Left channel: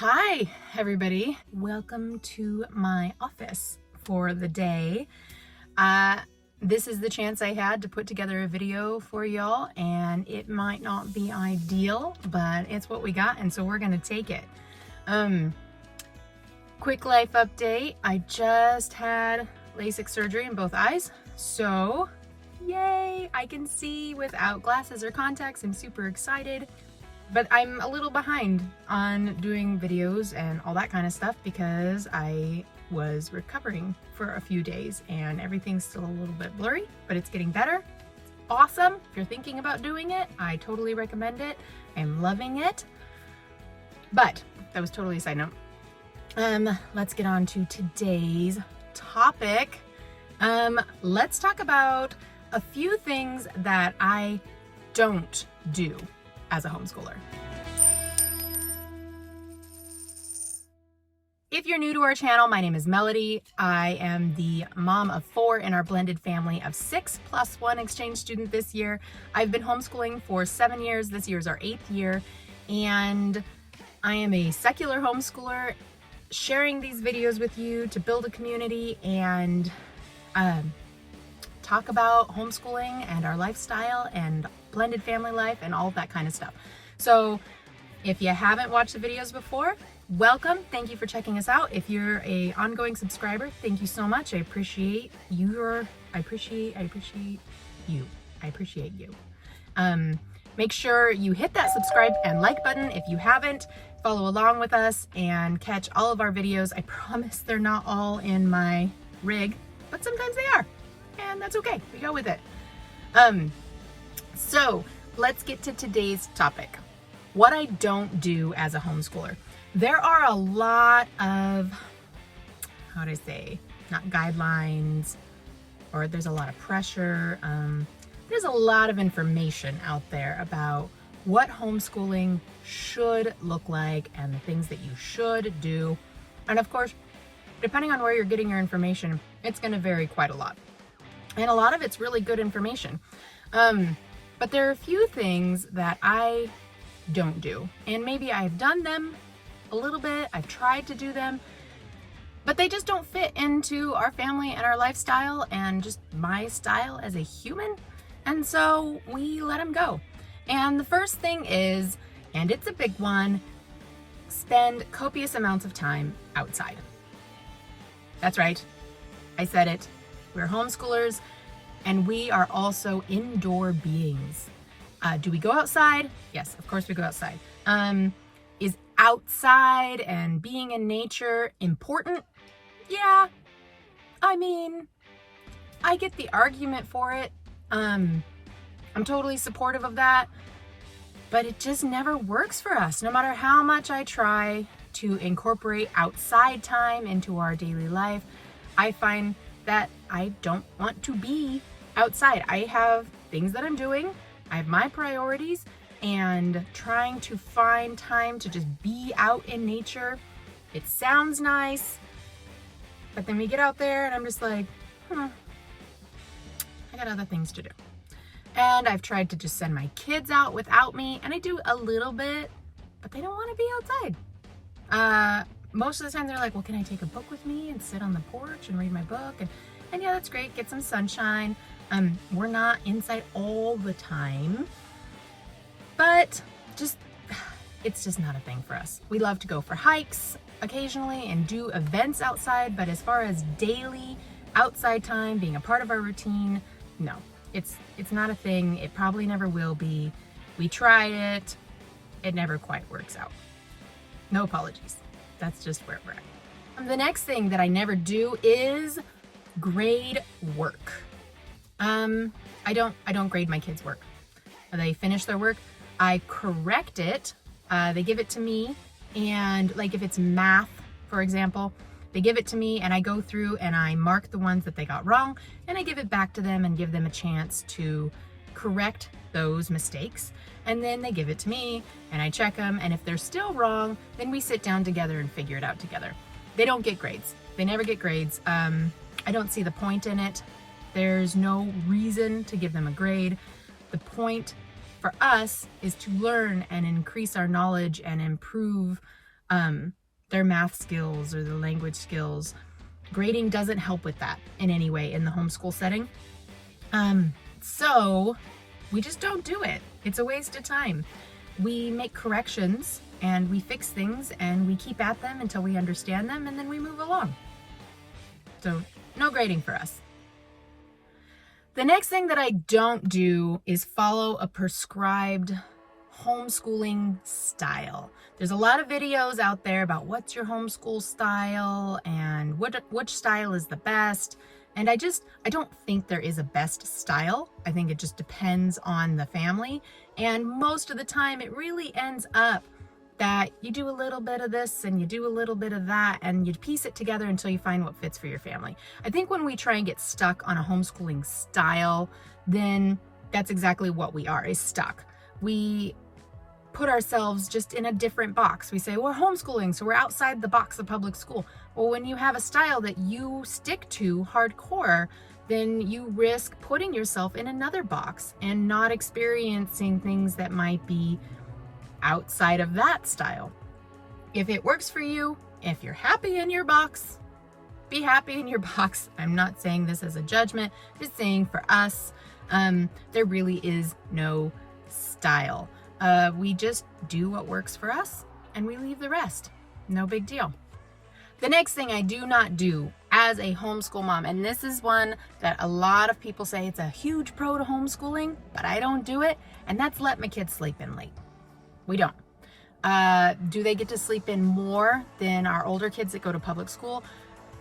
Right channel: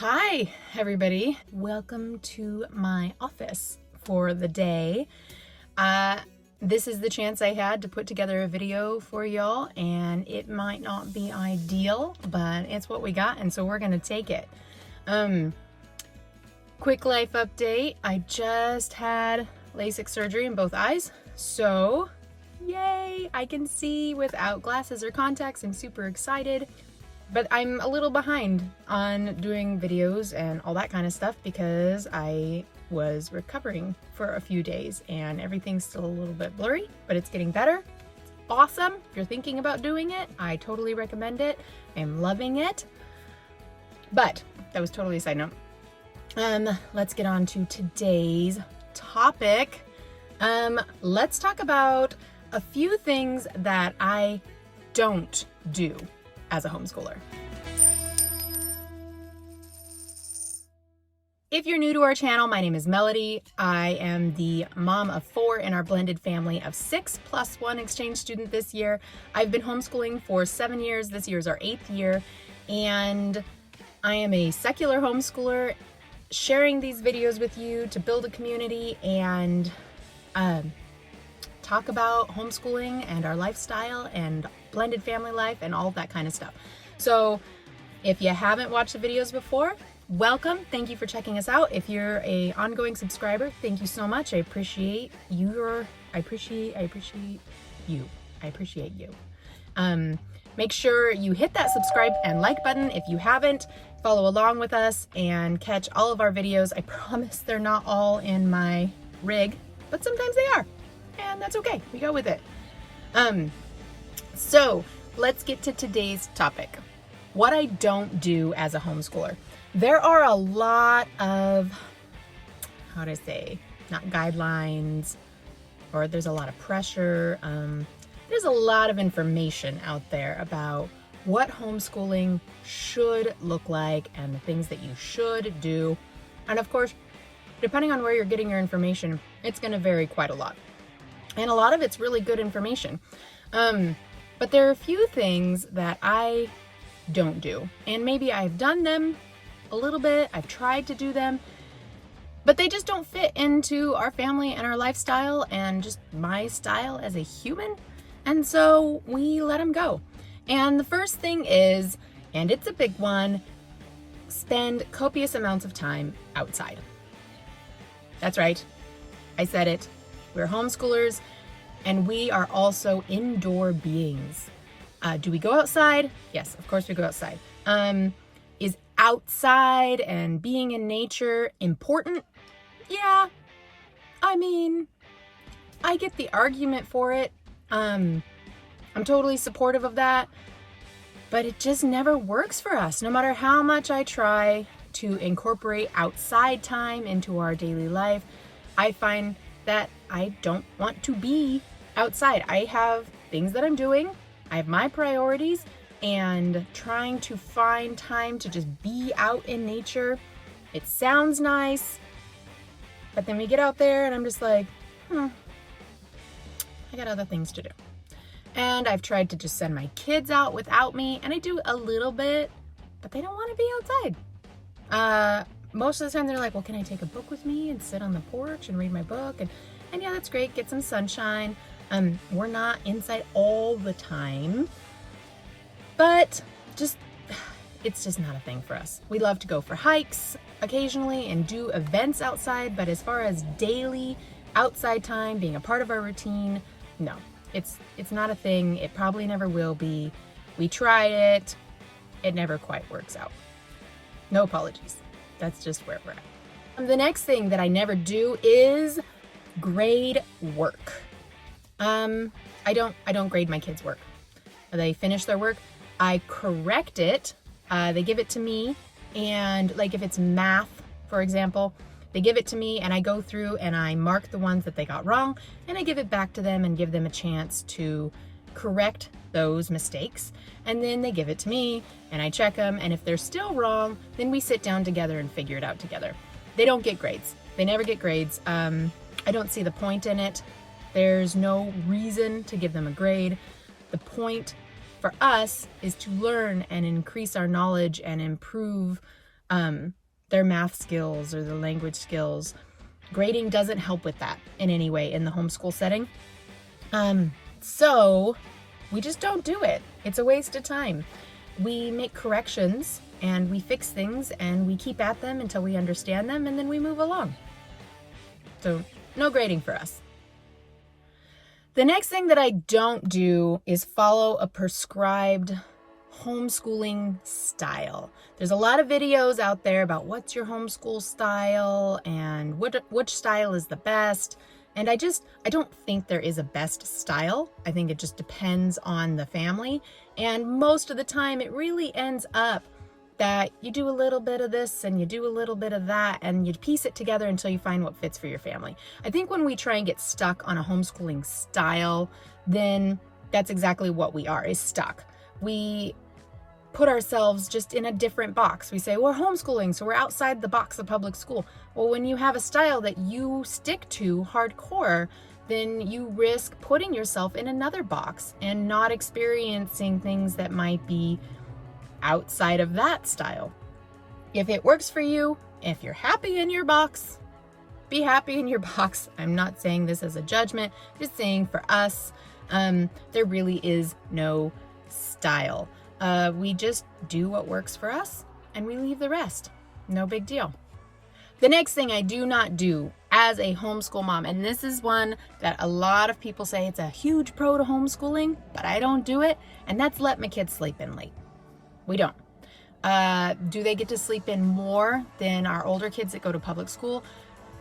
Hi, everybody. Welcome to my office for the day. This is the chance I had to put together a video for y'all, and it might not be ideal, but it's what we got, and so we're gonna take it. Quick life update. I just had LASIK surgery in both eyes, so yay, I can see without glasses or contacts. I'm super excited. But I'm a little behind on doing videos and all that kind of stuff because I was recovering for a few days and everything's still a little bit blurry, but it's getting better. It's awesome. If you're thinking about doing it, I totally recommend it. I'm loving it. But that was totally a side note. Let's get on to today's topic. Let's talk about a few things that I don't do as a homeschooler. If you're new to our channel, my name is Melody. I am the mom of 4 in our blended family of 6 plus 1 exchange student this year. I've been homeschooling for 7 years. This year is our 8th year, and I am a secular homeschooler sharing these videos with you to build a community and talk about homeschooling and our lifestyle and blended family life and all of that kind of stuff. So if you haven't watched the videos before, welcome. Thank you for checking us out. If you're a ongoing subscriber, thank you so much. I appreciate you. Make sure you hit that subscribe and like button if you haven't. Follow along with us and catch all of our videos. I promise they're not all in my rig, but sometimes they are, and that's okay. We go with it. So let's get to today's topic. What I don't do as a homeschooler. There are a lot of, not guidelines, or there's a lot of pressure. There's a lot of information out there about what homeschooling should look like and the things that you should do. And of course, depending on where you're getting your information, it's going to vary quite a lot. And a lot of it's really good information. But there are a few things that I don't do. And maybe I've done them a little bit. I've tried to do them, but they just don't fit into our family and our lifestyle and just my style as a human. And so we let them go. And the first thing is, and it's a big one, spend copious amounts of time outside. That's right. I said it. We're homeschoolers. And we are also indoor beings. Do we go outside? Yes, of course we go outside. Is outside and being in nature important? Yeah. I mean, I get the argument for it. I'm totally supportive of that. But it just never works for us. No matter how much I try to incorporate outside time into our daily life, I find that I don't want to be outside. I have things that I'm doing. I have my priorities, and trying to find time to just be out in nature. It sounds nice, but then we get out there and I'm just like, I got other things to do. And I've tried to just send my kids out without me, and I do a little bit, but they don't want to be outside. Most of the time they're like, well, can I take a book with me and sit on the porch and read my book? And yeah, that's great. Get some sunshine. We're not inside all the time, but it's just not a thing for us. We love to go for hikes occasionally and do events outside, but as far as daily outside time being a part of our routine, no, it's not a thing. It probably never will be. We tried it. It never quite works out. No apologies. That's just where we're at. The next thing that I never do is grade work. I don't grade my kids' work. They finish their work, I correct it. They give it to me, and like if it's math, for example, they give it to me and I go through and I mark the ones that they got wrong, and I give it back to them and give them a chance to correct those mistakes. And then they give it to me and I check them, and if they're still wrong, then we sit down together and figure it out together. They don't get grades. They never get grades. I don't see the point in it. There's no reason to give them a grade. The point for us is to learn and increase our knowledge and improve their math skills or their language skills. Grading doesn't help with that in any way in the homeschool setting. So we just don't do it. It's a waste of time. We make corrections and we fix things and we keep at them until we understand them, and then we move along. So no grading for us. The next thing that I don't do is follow a prescribed homeschooling style. There's a lot of videos out there about what's your homeschool style and which style is the best. And I don't think there is a best style. I think it just depends on the family. And most of the time it really ends up that you do a little bit of this and you do a little bit of that and you piece it together until you find what fits for your family. I think when we try and get stuck on a homeschooling style, then that's exactly what we are, is stuck. We put ourselves just in a different box. We say we're homeschooling, so we're outside the box of public school. Well, when you have a style that you stick to hardcore, then you risk putting yourself in another box and not experiencing things that might be outside of that style. If it works for you, if you're happy in your box, be happy in your box. I'm not saying this as a judgment, just saying for us, there really is no style. We just do what works for us and we leave the rest. No big deal. The next thing I do not do as a homeschool mom, and this is one that a lot of people say it's a huge pro to homeschooling, but I don't do it, and that's let my kids sleep in late. We don't. Do they get to sleep in more than our older kids that go to public school?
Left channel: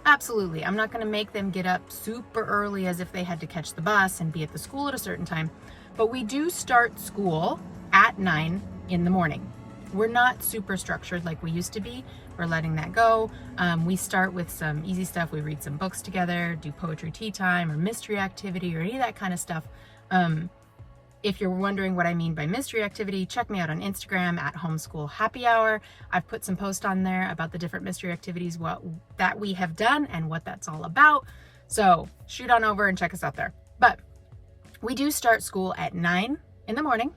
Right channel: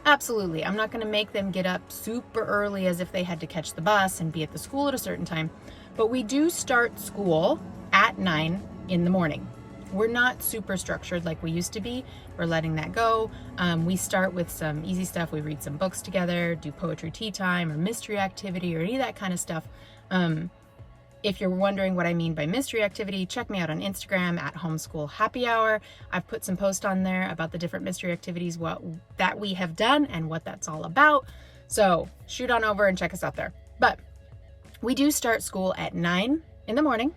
Absolutely. I'm not going to make them get up super early as if they had to catch the bus and be at the school at a certain time, but we do start school at 9 in the morning. We're not super structured like we used to be. We're letting that go. We start with some easy stuff. We read some books together, do poetry tea time or mystery activity or any of that kind of stuff. If you're wondering what I mean by mystery activity, check me out on Instagram at Homeschool Happy Hour. I've put some posts on there about the different mystery activities that we have done and what that's all about. So shoot on over and check us out there. But we do start school at 9 in the morning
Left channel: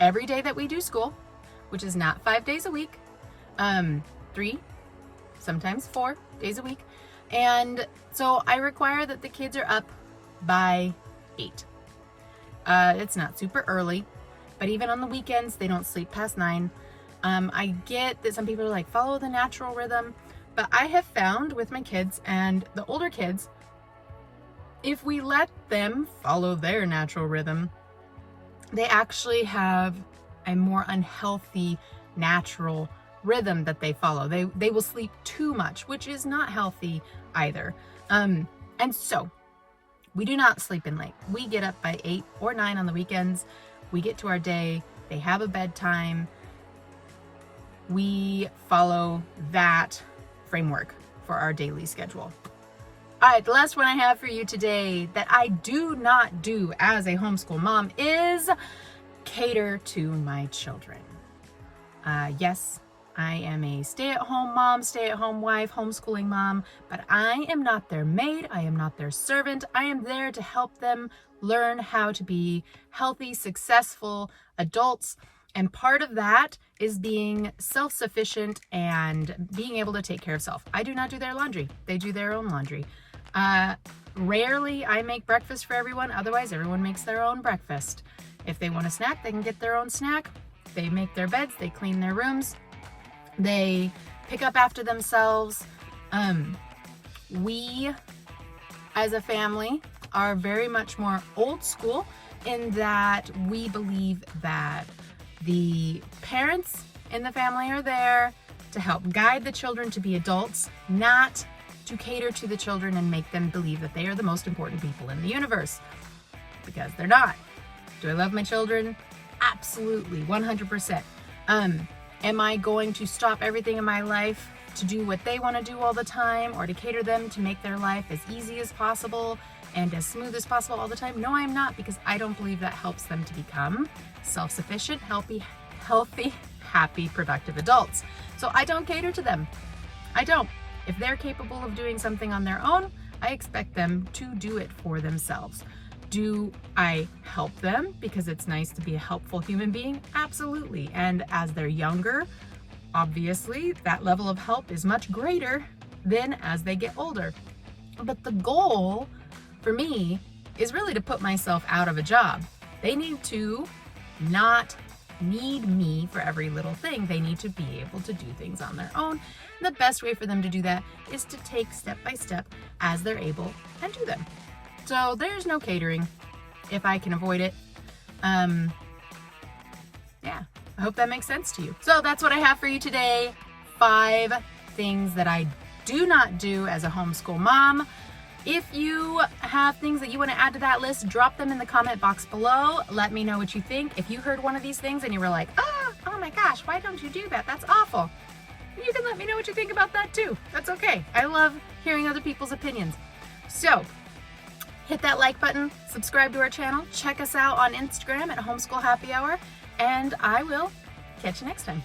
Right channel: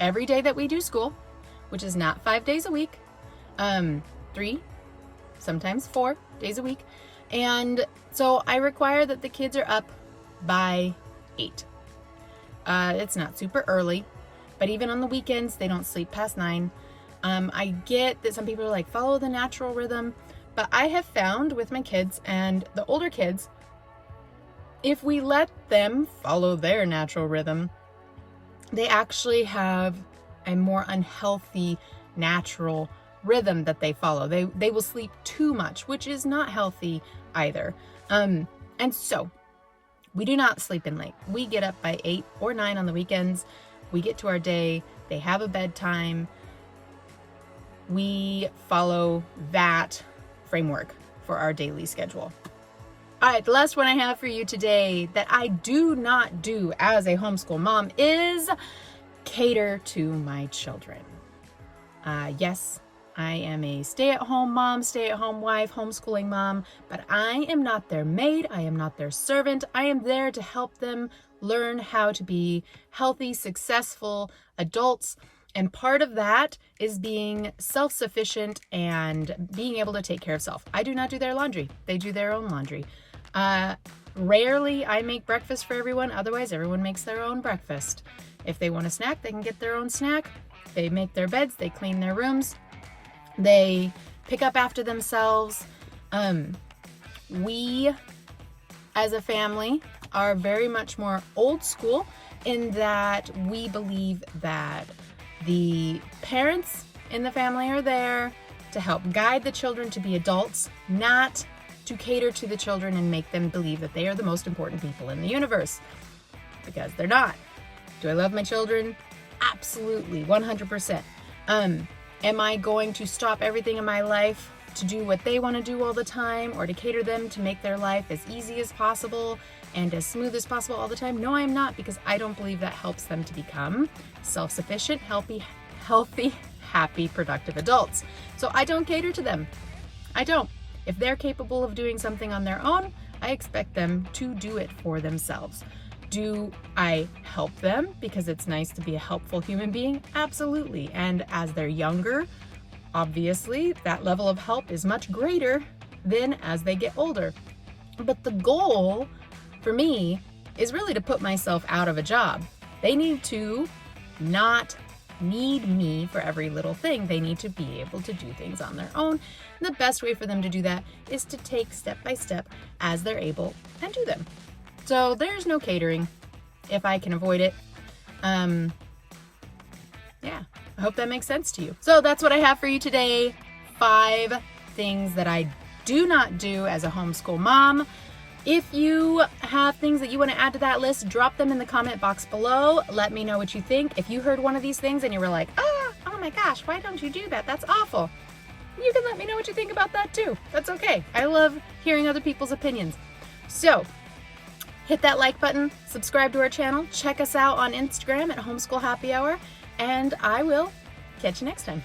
every day that we do school, which is not 5 days a week, 3, sometimes 4 days a week. And so I require that the kids are up by 8. It's not super early, but even on the weekends, they don't sleep past 9. I get that some people are like, follow the natural rhythm, but I have found with my kids and the older kids, if we let them follow their natural rhythm, they actually have a more unhealthy natural rhythm that they follow. They will sleep too much, which is not healthy either. And so we do not sleep in late. We get up by 8 or 9 on the weekends. We get to our day. They have a bedtime. We follow that framework for our daily schedule. All right, the last one I have for you today that I do not do as a homeschool mom is cater to my children. Yes, I am a stay-at-home mom, stay-at-home wife, homeschooling mom, but I am not their maid. I am not their servant. I am there to help them learn how to be healthy, successful adults. And part of that is being self-sufficient and being able to take care of self. I do not do their laundry. They do their own laundry. Rarely I make breakfast for everyone. Otherwise, everyone makes their own breakfast. If they want a snack, they can get their own snack. They make their beds. They clean their rooms. They pick up after themselves. We, as a family, are very much more old school in that we believe that the parents in the family are there to help guide the children to be adults, not to cater to the children and make them believe that they are the most important people in the universe, because they're not. Do I love my children? Absolutely, 100%. Am I going to stop everything in my life to do what they want to do all the time, or to cater them to make their life as easy as possible and as smooth as possible all the time? No, I am not, because I don't believe that helps them to become self-sufficient, healthy, happy, productive adults. So I don't cater to them. I don't. If they're capable of doing something on their own, I expect them to do it for themselves. Do I help them because it's nice to be a helpful human being? Absolutely. And as they're younger, Obviously, that level of help is much greater than as they get older. But the goal for me is really to put myself out of a job. They need to not need me for every little thing. They need to be able to do things on their own. And the best way for them to do that is to take step by step as they're able and do them. So there's no catering if I can avoid it. Yeah, I hope that makes sense to you. So that's what I have for you today. 5 things that I do not do as a homeschool mom. If you have things that you want to add to that list, drop them in the comment box below. Let me know what you think. If you heard one of these things and you were like, oh my gosh, why don't you do that? That's awful. You can let me know what you think about that too. That's okay. I love hearing other people's opinions. So hit that like button, subscribe to our channel, check us out on Instagram at Homeschool Happy Hour, and I will catch you next time.